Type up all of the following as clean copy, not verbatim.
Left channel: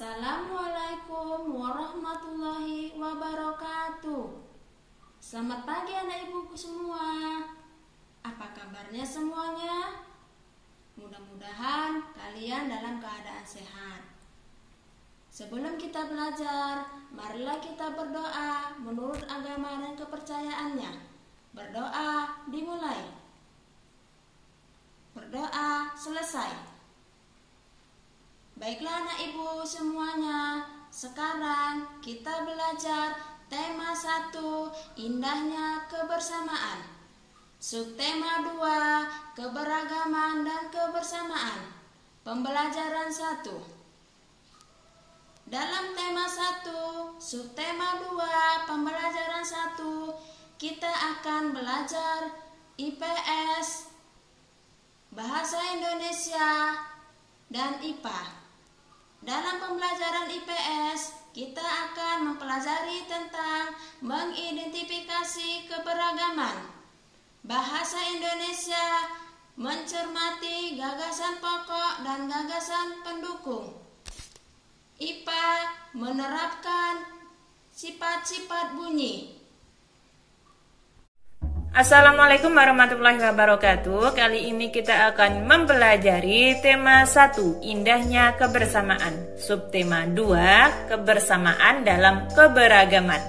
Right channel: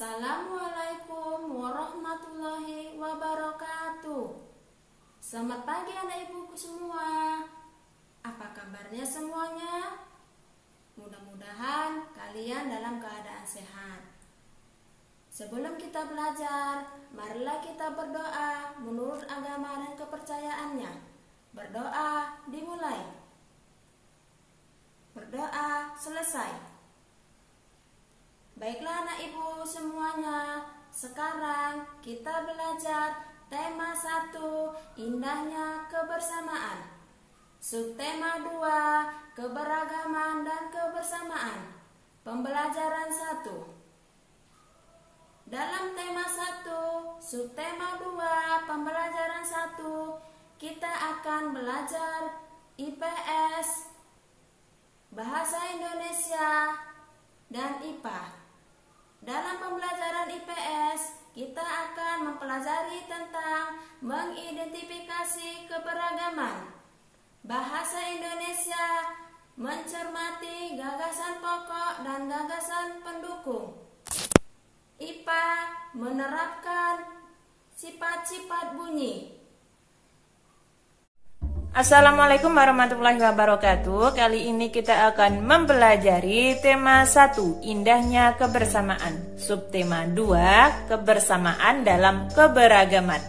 Assalamualaikum warahmatullahi wabarakatuh. Selamat pagi anak ibuku semua. Apa kabarnya semuanya? Mudah-mudahan kalian dalam keadaan sehat. Sebelum kita belajar, marilah kita berdoa menurut agama dan kepercayaannya. Berdoa dimulai. Berdoa selesai. Baiklah anak ibu semuanya, sekarang kita belajar tema 1, indahnya kebersamaan. Subtema 2, keberagaman dan kebersamaan. Pembelajaran 1. Dalam tema 1, subtema 2, pembelajaran 1, kita akan belajar IPS, Bahasa Indonesia, dan IPA. Dalam pembelajaran IPS, kita akan mempelajari tentang mengidentifikasi keberagaman. Bahasa Indonesia mencermati gagasan pokok dan gagasan pendukung. IPA menerapkan sifat-sifat bunyi. Assalamualaikum warahmatullahi wabarakatuh. Kali ini kita akan mempelajari tema 1, indahnya kebersamaan. Subtema 2, kebersamaan dalam keberagaman.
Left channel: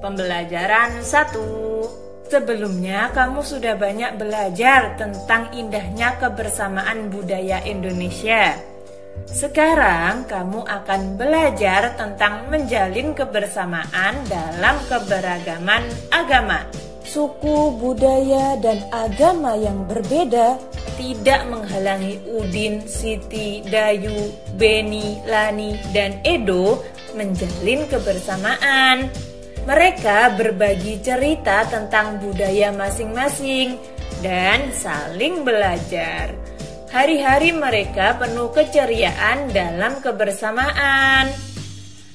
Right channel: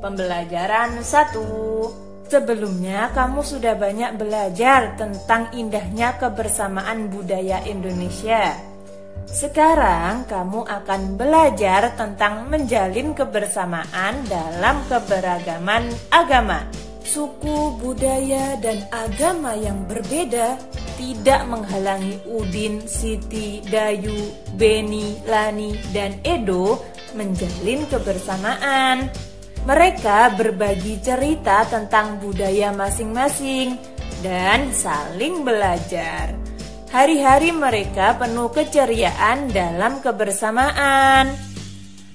Pembelajaran 1. Sebelumnya kamu sudah banyak belajar tentang indahnya kebersamaan budaya Indonesia. Sekarang kamu akan belajar tentang menjalin kebersamaan dalam keberagaman agama. Suku, budaya, dan agama yang berbeda tidak menghalangi Udin, Siti, Dayu, Beni, Lani, dan Edo menjalin kebersamaan. Mereka berbagi cerita tentang budaya masing-masing dan saling belajar. Hari-hari mereka penuh keceriaan dalam kebersamaan.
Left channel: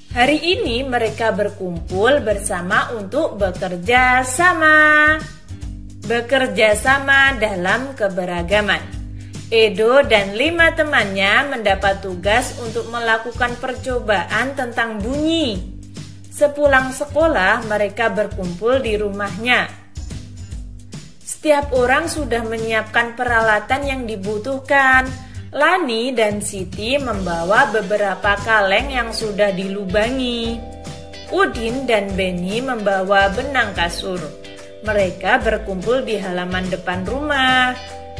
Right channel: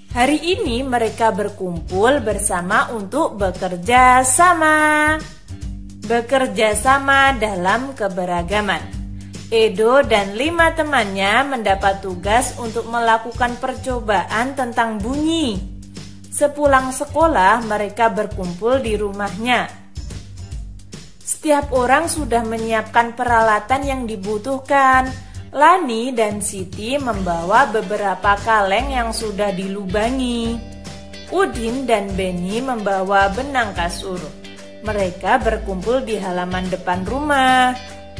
Hari ini mereka berkumpul bersama untuk bekerja sama. Bekerja sama dalam keberagaman. Edo dan 5 temannya mendapat tugas untuk melakukan percobaan tentang bunyi. Sepulang sekolah, mereka berkumpul di rumahnya. Setiap orang sudah menyiapkan peralatan yang dibutuhkan. Lani dan Siti membawa beberapa kaleng yang sudah dilubangi. Udin dan Beni membawa benang kasur. Mereka berkumpul di halaman depan rumah.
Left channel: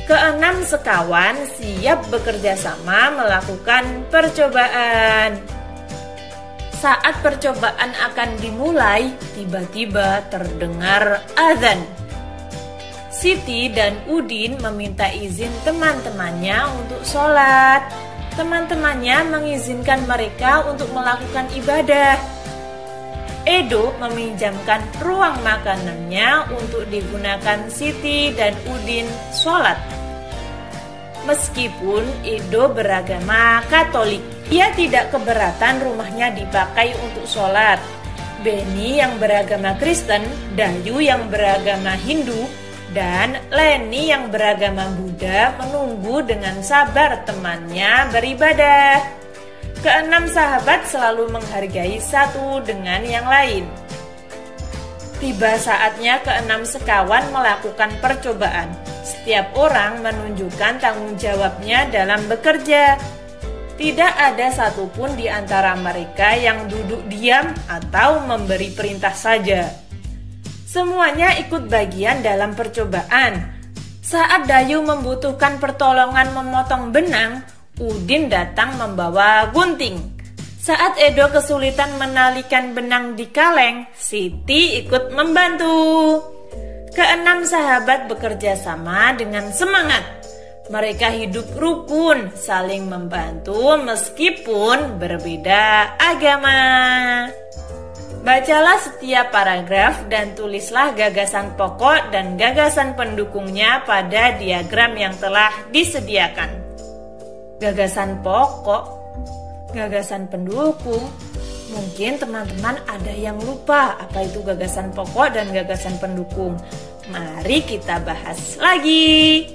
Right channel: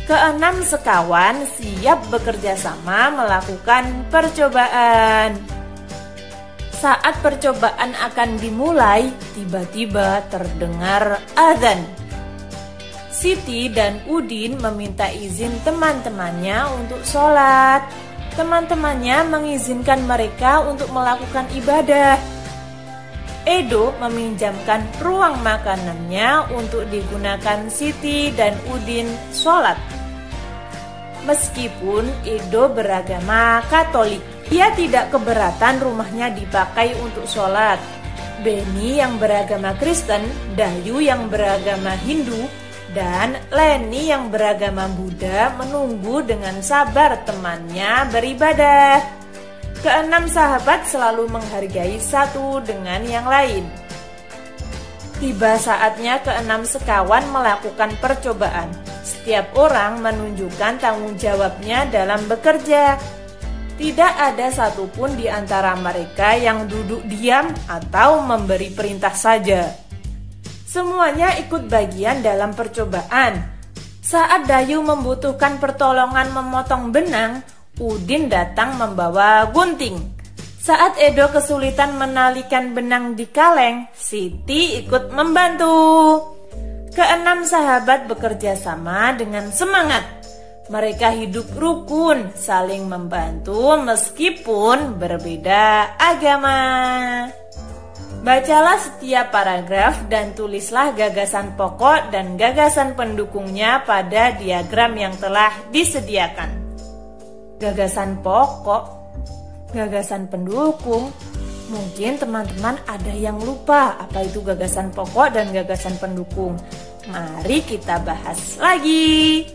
Keenam sekawan siap bekerja sama melakukan percobaan. Saat percobaan akan dimulai, tiba-tiba terdengar azan. Siti dan Udin meminta izin teman-temannya untuk sholat. Teman-temannya mengizinkan mereka untuk melakukan ibadah. Edo meminjamkan ruang makanannya untuk digunakan Siti dan Udin sholat. Meskipun Edo beragama Katolik, ia tidak keberatan rumahnya dipakai untuk sholat. Beni yang beragama Kristen, Dayu yang beragama Hindu, dan Leni yang beragama Buddha menunggu dengan sabar temannya beribadah. Keenam sahabat selalu menghargai satu dengan yang lain. Tiba saatnya keenam sekawan melakukan percobaan. Setiap orang menunjukkan tanggung jawabnya dalam bekerja. Tidak ada satupun di antara mereka yang duduk diam atau memberi perintah saja. Semuanya ikut bagian dalam percobaan. Saat Dayu membutuhkan pertolongan memotong benang, Udin datang membawa gunting. Saat Edo kesulitan menalikan benang di kaleng, Siti ikut membantu. Keenam sahabat bekerja sama dengan semangat. Mereka hidup rukun, saling membantu meskipun berbeda agama. Bacalah setiap paragraf dan tulislah gagasan pokok dan gagasan pendukungnya pada diagram yang telah disediakan. Gagasan pokok, gagasan pendukung. Mungkin teman-teman ada yang lupa apa itu gagasan pokok dan gagasan pendukung. Mari kita bahas lagi.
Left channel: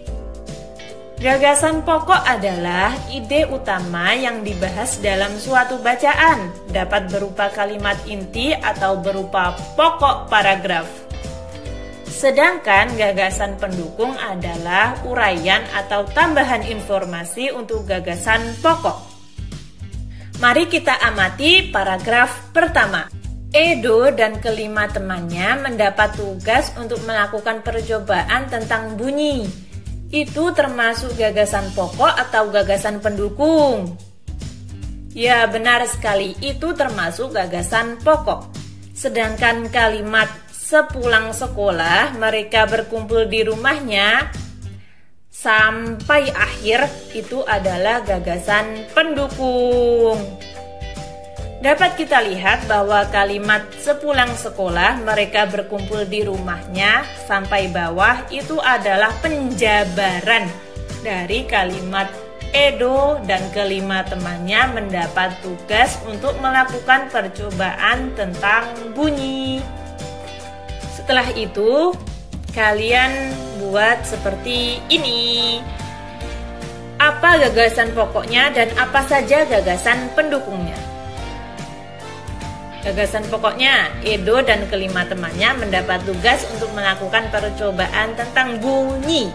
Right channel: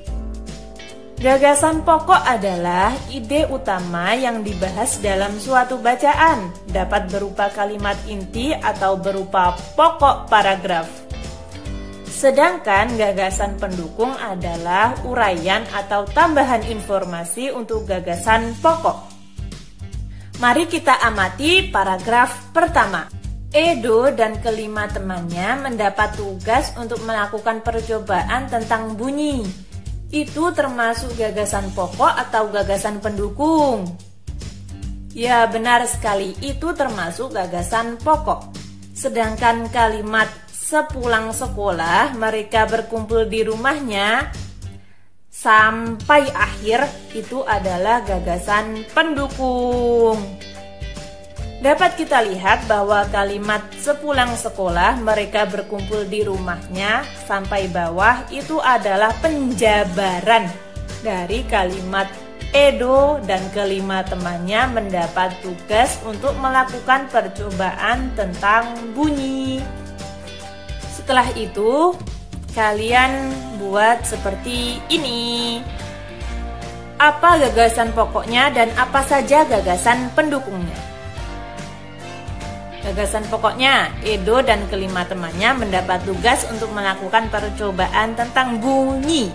Gagasan pokok adalah ide utama yang dibahas dalam suatu bacaan, dapat berupa kalimat inti atau berupa pokok paragraf. Sedangkan gagasan pendukung adalah uraian atau tambahan informasi untuk gagasan pokok. Mari kita amati paragraf pertama. Edo dan kelima temannya mendapat tugas untuk melakukan percobaan tentang bunyi. Itu termasuk gagasan pokok atau gagasan pendukung? Ya, benar sekali, itu termasuk gagasan pokok. Sedangkan kalimat sepulang sekolah mereka berkumpul di rumahnya sampai akhir itu adalah gagasan pendukung. Dapat kita lihat bahwa kalimat sepulang sekolah mereka berkumpul di rumahnya sampai bawah itu adalah penjabaran dari kalimat Edo dan kelima temannya mendapat tugas untuk melakukan percobaan tentang bunyi. Setelah itu kalian buat seperti ini. Apa gagasan pokoknya dan apa saja gagasan pendukungnya? Gagasan pokoknya, Edo dan kelima temannya mendapat tugas untuk melakukan percobaan tentang bunyi.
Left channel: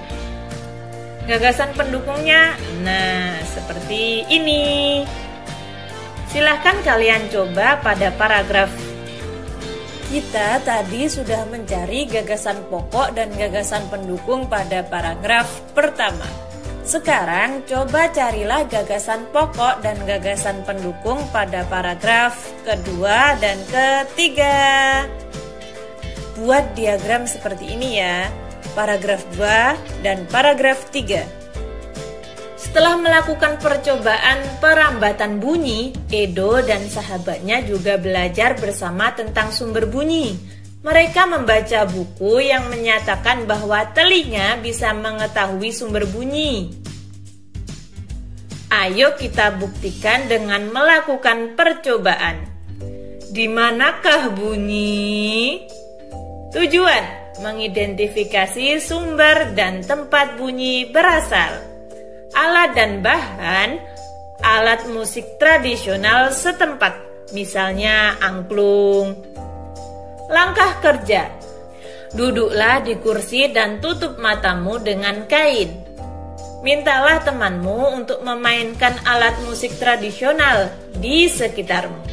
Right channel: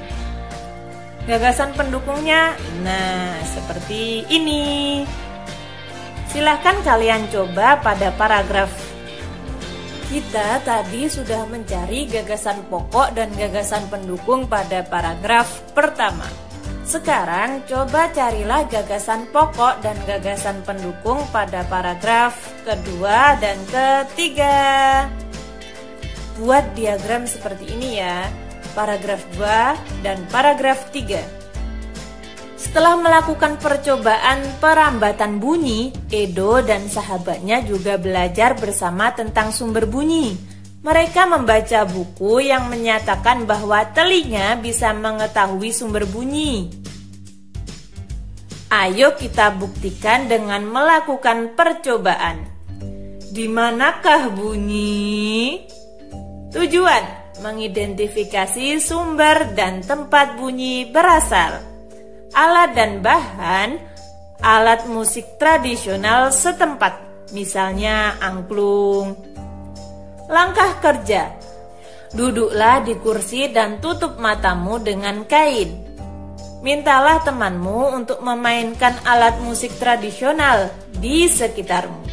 Gagasan pendukungnya, nah seperti ini. Silahkan kalian coba pada paragraf. Kita tadi sudah mencari gagasan pokok dan gagasan pendukung pada paragraf pertama. Sekarang coba carilah gagasan pokok dan gagasan pendukung pada paragraf kedua dan ketiga. Buat diagram seperti ini ya, paragraf 2 dan paragraf 3. Setelah melakukan percobaan perambatan bunyi, Edo dan sahabatnya juga belajar bersama tentang sumber bunyi. Mereka membaca buku yang menyatakan bahwa telinga bisa mengetahui sumber bunyi. Ayo kita buktikan dengan melakukan percobaan. Di manakah bunyi? Tujuan: mengidentifikasi sumber dan tempat bunyi berasal. Alat dan bahan: alat musik tradisional setempat, misalnya angklung. Langkah kerja: duduklah di kursi dan tutup matamu dengan kain. Mintalah temanmu untuk memainkan alat musik tradisional di sekitarmu.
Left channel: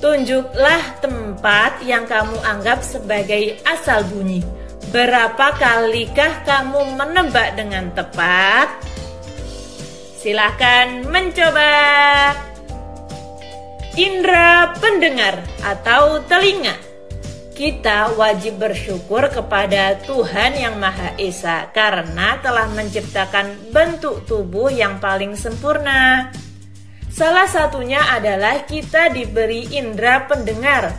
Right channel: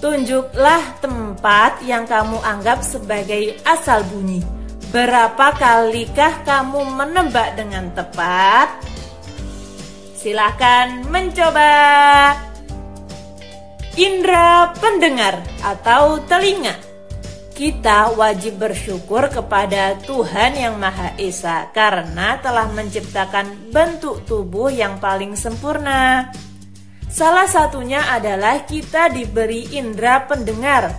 Tunjuklah tempat yang kamu anggap sebagai asal bunyi. Berapa kalikah kamu menebak dengan tepat? Silakan mencoba. Indra pendengar atau telinga. Kita wajib bersyukur kepada Tuhan Yang Maha Esa karena telah menciptakan bentuk tubuh yang paling sempurna. Salah satunya adalah kita diberi indera pendengar.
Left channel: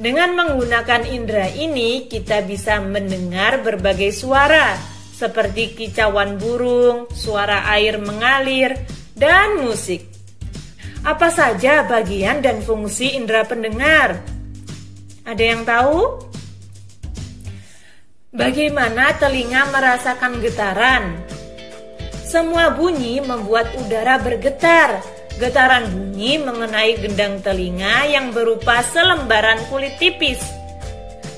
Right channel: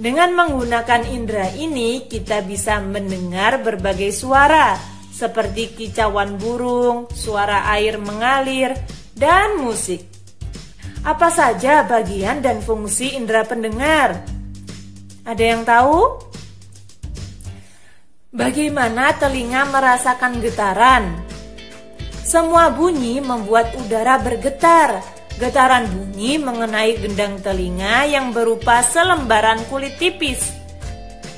Dengan menggunakan indera ini, kita bisa mendengar berbagai suara, seperti kicauan burung, suara air mengalir, dan musik. Apa saja bagian dan fungsi indera pendengar? Ada yang tahu? Bagaimana telinga merasakan getaran? Semua bunyi membuat udara bergetar. Getaran bunyi mengenai gendang telinga yang berupa selembaran kulit tipis.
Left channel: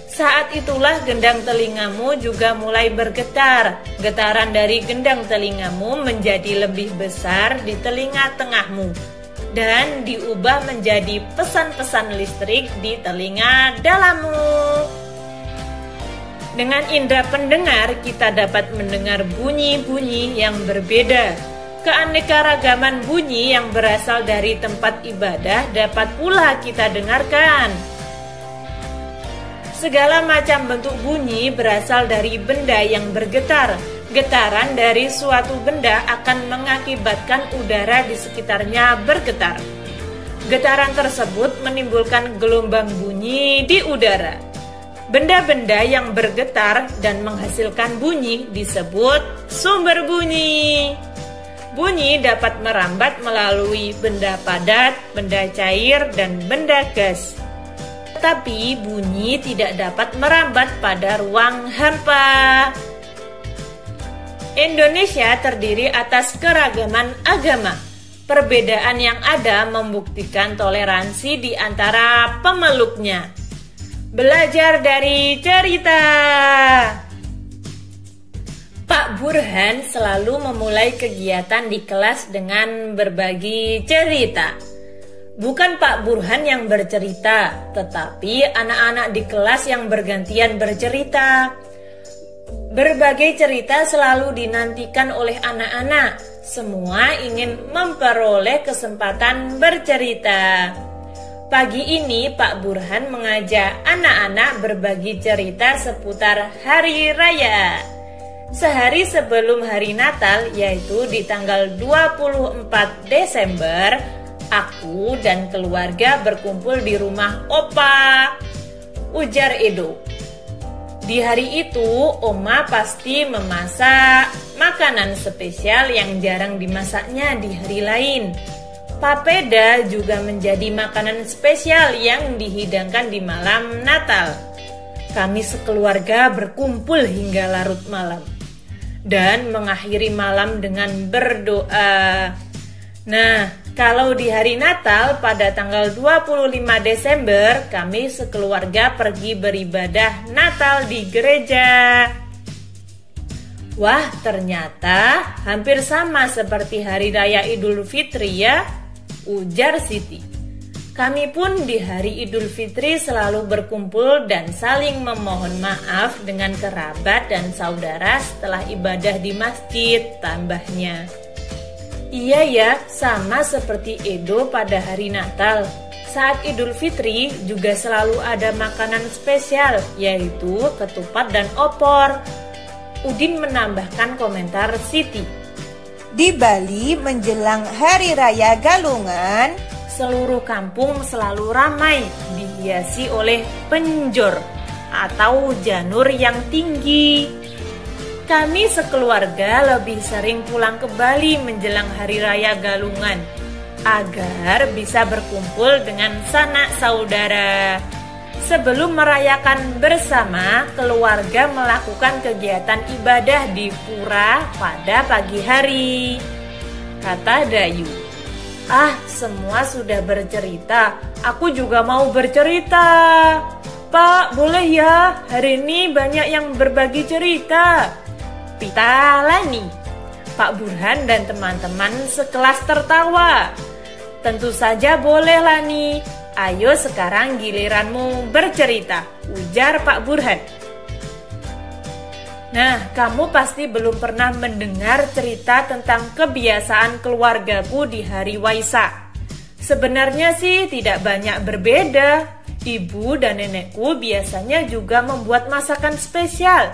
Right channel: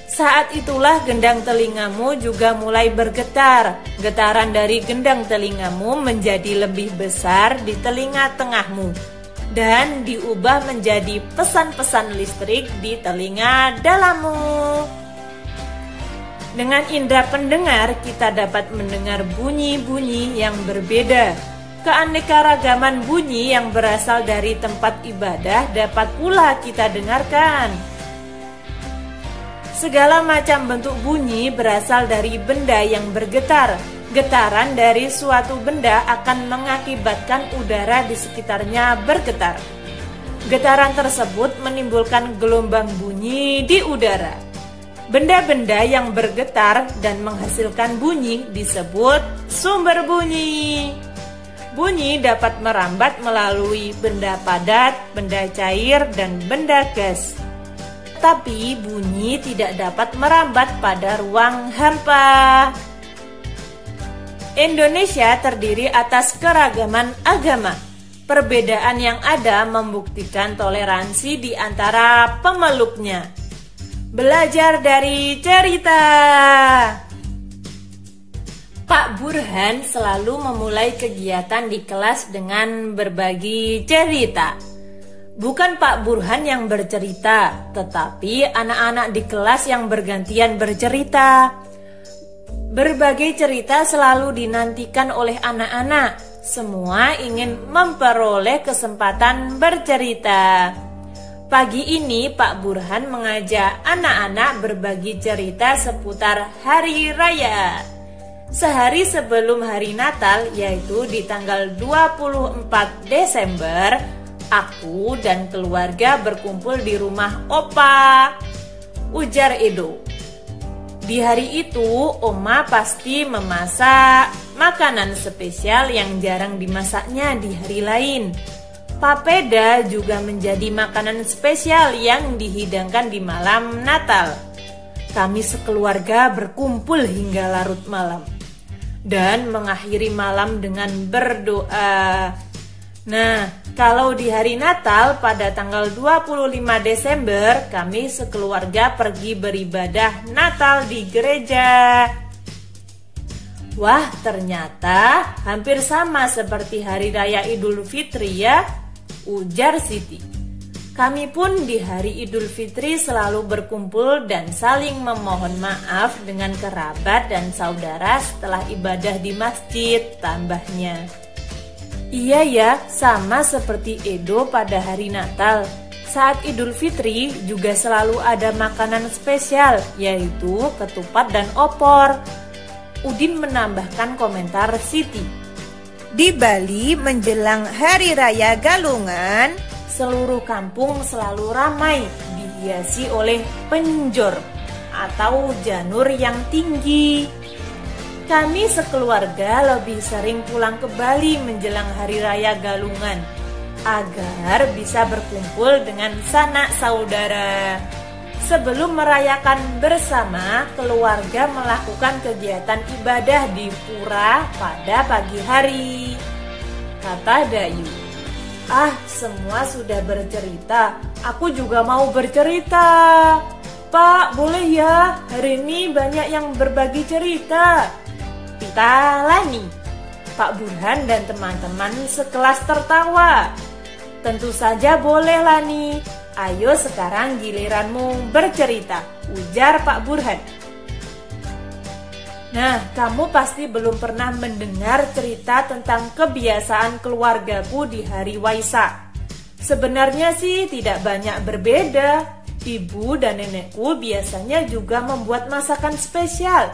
Saat itulah gendang telingamu juga mulai bergetar. Getaran dari gendang telingamu menjadi lebih besar di telinga tengahmu dan diubah menjadi pesan-pesan listrik di telinga dalammu. Dengan indera pendengar, kita dapat mendengar bunyi-bunyi yang berbeda. Keanekaragaman bunyi yang berasal dari tempat ibadah dapat pula kita dengarkan. Segala macam bentuk bunyi berasal dari benda yang bergetar. Getaran dari suatu benda akan mengakibatkan udara di sekitarnya bergetar. Getaran tersebut menimbulkan gelombang bunyi di udara. Benda-benda yang bergetar dan menghasilkan bunyi disebut sumber bunyi. Bunyi dapat merambat melalui benda padat, benda cair, dan benda gas. Tetapi bunyi tidak dapat merambat pada ruang hampa. Indonesia terdiri atas keragaman agama. Perbedaan yang ada membuktikan toleransi di antara pemeluknya. Belajar dari cerita. Pak Burhan selalu memulai kegiatan di kelas dengan berbagi cerita. Bukan Pak Burhan yang bercerita, tetapi anak-anak di kelas yang bergantian bercerita. Berbagai cerita selalu dinantikan oleh anak-anak. Semua ingin memperoleh kesempatan bercerita. Pagi ini Pak Burhan mengajak anak-anak berbagi cerita seputar Hari Raya. Sehari sebelum hari Natal, yaitu di tanggal 24 Desember, aku dan keluarga berkumpul di rumah Opa, ujar Edo. Di hari itu, Oma pasti memasak makanan spesial yang jarang dimasaknya di hari lain. Papeda juga menjadi makanan spesial yang dihidangkan di malam Natal. Kami sekeluarga berkumpul hingga larut malam dan mengakhiri malam dengan berdoa. Nah, kalau di hari Natal pada tanggal 25 Desember, kami sekeluarga pergi beribadah Natal di gereja. Wah, ternyata hampir sama seperti Hari Raya Idul Fitri ya, ujar Siti. Kami pun di hari Idul Fitri selalu berkumpul dan saling memohon maaf dengan kerabat dan saudara setelah ibadah di masjid, tambahnya. Iya ya, sama seperti Edo pada hari Natal. Saat Idul Fitri juga selalu ada makanan spesial, yaitu ketupat dan opor. Udin menambahkan komentar Siti. Di Bali menjelang Hari Raya Galungan, seluruh kampung selalu ramai, dihiasi oleh penjor atau janur yang tinggi. Kami sekeluarga lebih sering pulang ke Bali menjelang Hari Raya Galungan agar bisa berkumpul dengan sanak saudara. Sebelum merayakan bersama, keluarga melakukan kegiatan ibadah di pura pada pagi hari, kata Dayu. Ah, semua sudah bercerita. Aku juga mau bercerita. Pak, boleh ya? Hari ini banyak yang berbagi cerita. Pita Lani. Pak Burhan dan teman-teman sekelas tertawa. Tentu saja boleh, Lani. Ayo sekarang giliranmu bercerita, ujar Pak Burhan. Nah, kamu pasti belum pernah mendengar cerita tentang kebiasaan keluargaku di hari Waisak. Sebenarnya sih tidak banyak berbeda. Ibu dan nenekku biasanya juga membuat masakan spesial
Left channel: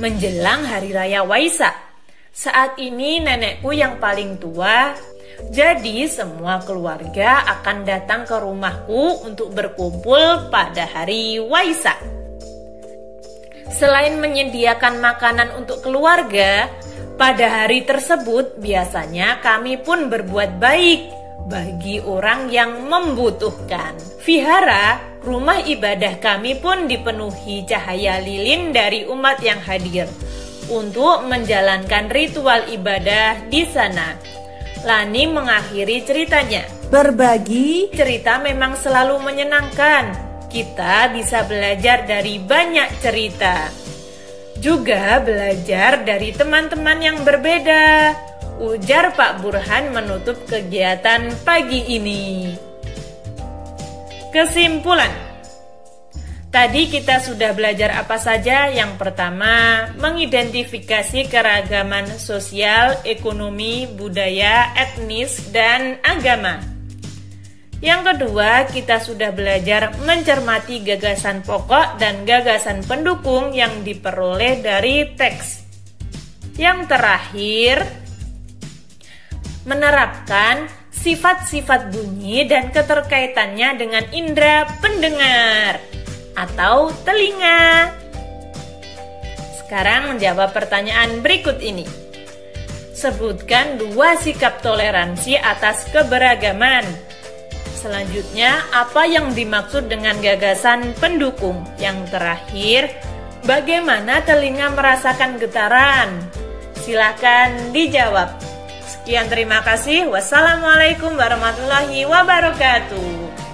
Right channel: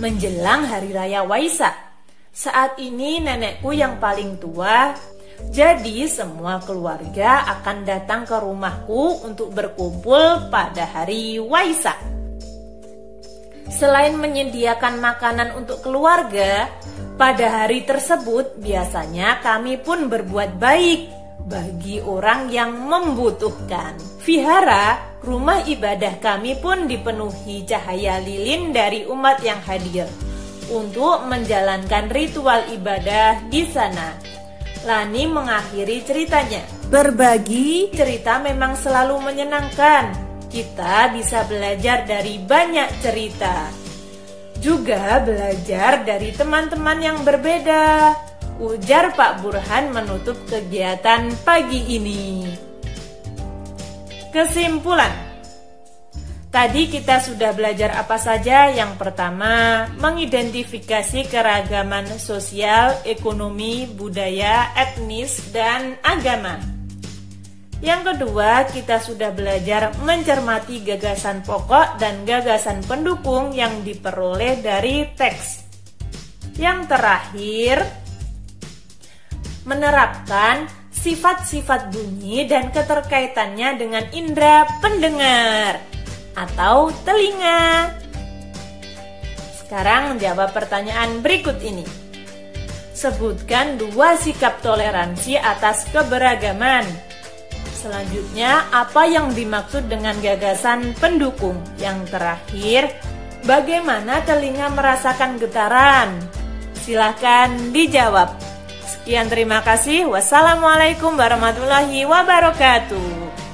menjelang Hari Raya Waisak. Saat ini nenekku yang paling tua, jadi semua keluarga akan datang ke rumahku untuk berkumpul pada hari Waisak. Selain menyediakan makanan untuk keluarga, pada hari tersebut biasanya kami pun berbuat baik bagi orang yang membutuhkan. Vihara, rumah ibadah kami pun dipenuhi cahaya lilin dari umat yang hadir untuk menjalankan ritual ibadah di sana. Lani mengakhiri ceritanya. berbagi Cerita memang selalu menyenangkan. Kita bisa belajar dari banyak cerita. Juga belajar dari teman-teman yang berbeda, ujar Pak Burhan menutup kegiatan pagi ini. Kesimpulan. Tadi kita sudah belajar apa saja? Yang pertama, mengidentifikasi keragaman sosial, ekonomi, budaya, etnis, dan agama. Yang kedua, kita sudah belajar mencermati gagasan pokok dan gagasan pendukung yang diperoleh dari teks. Yang terakhir, menerapkan sifat-sifat bunyi dan keterkaitannya dengan indera pendengar atau telinga. Sekarang menjawab pertanyaan berikut ini. Sebutkan 2 sikap toleransi atas keberagaman. Selanjutnya, apa yang dimaksud dengan gagasan pendukung? Yang terakhir, bagaimana telinga merasakan getaran? Silahkan dijawab. Sekian, terima kasih. Wassalamualaikum warahmatullahi wabarakatuh.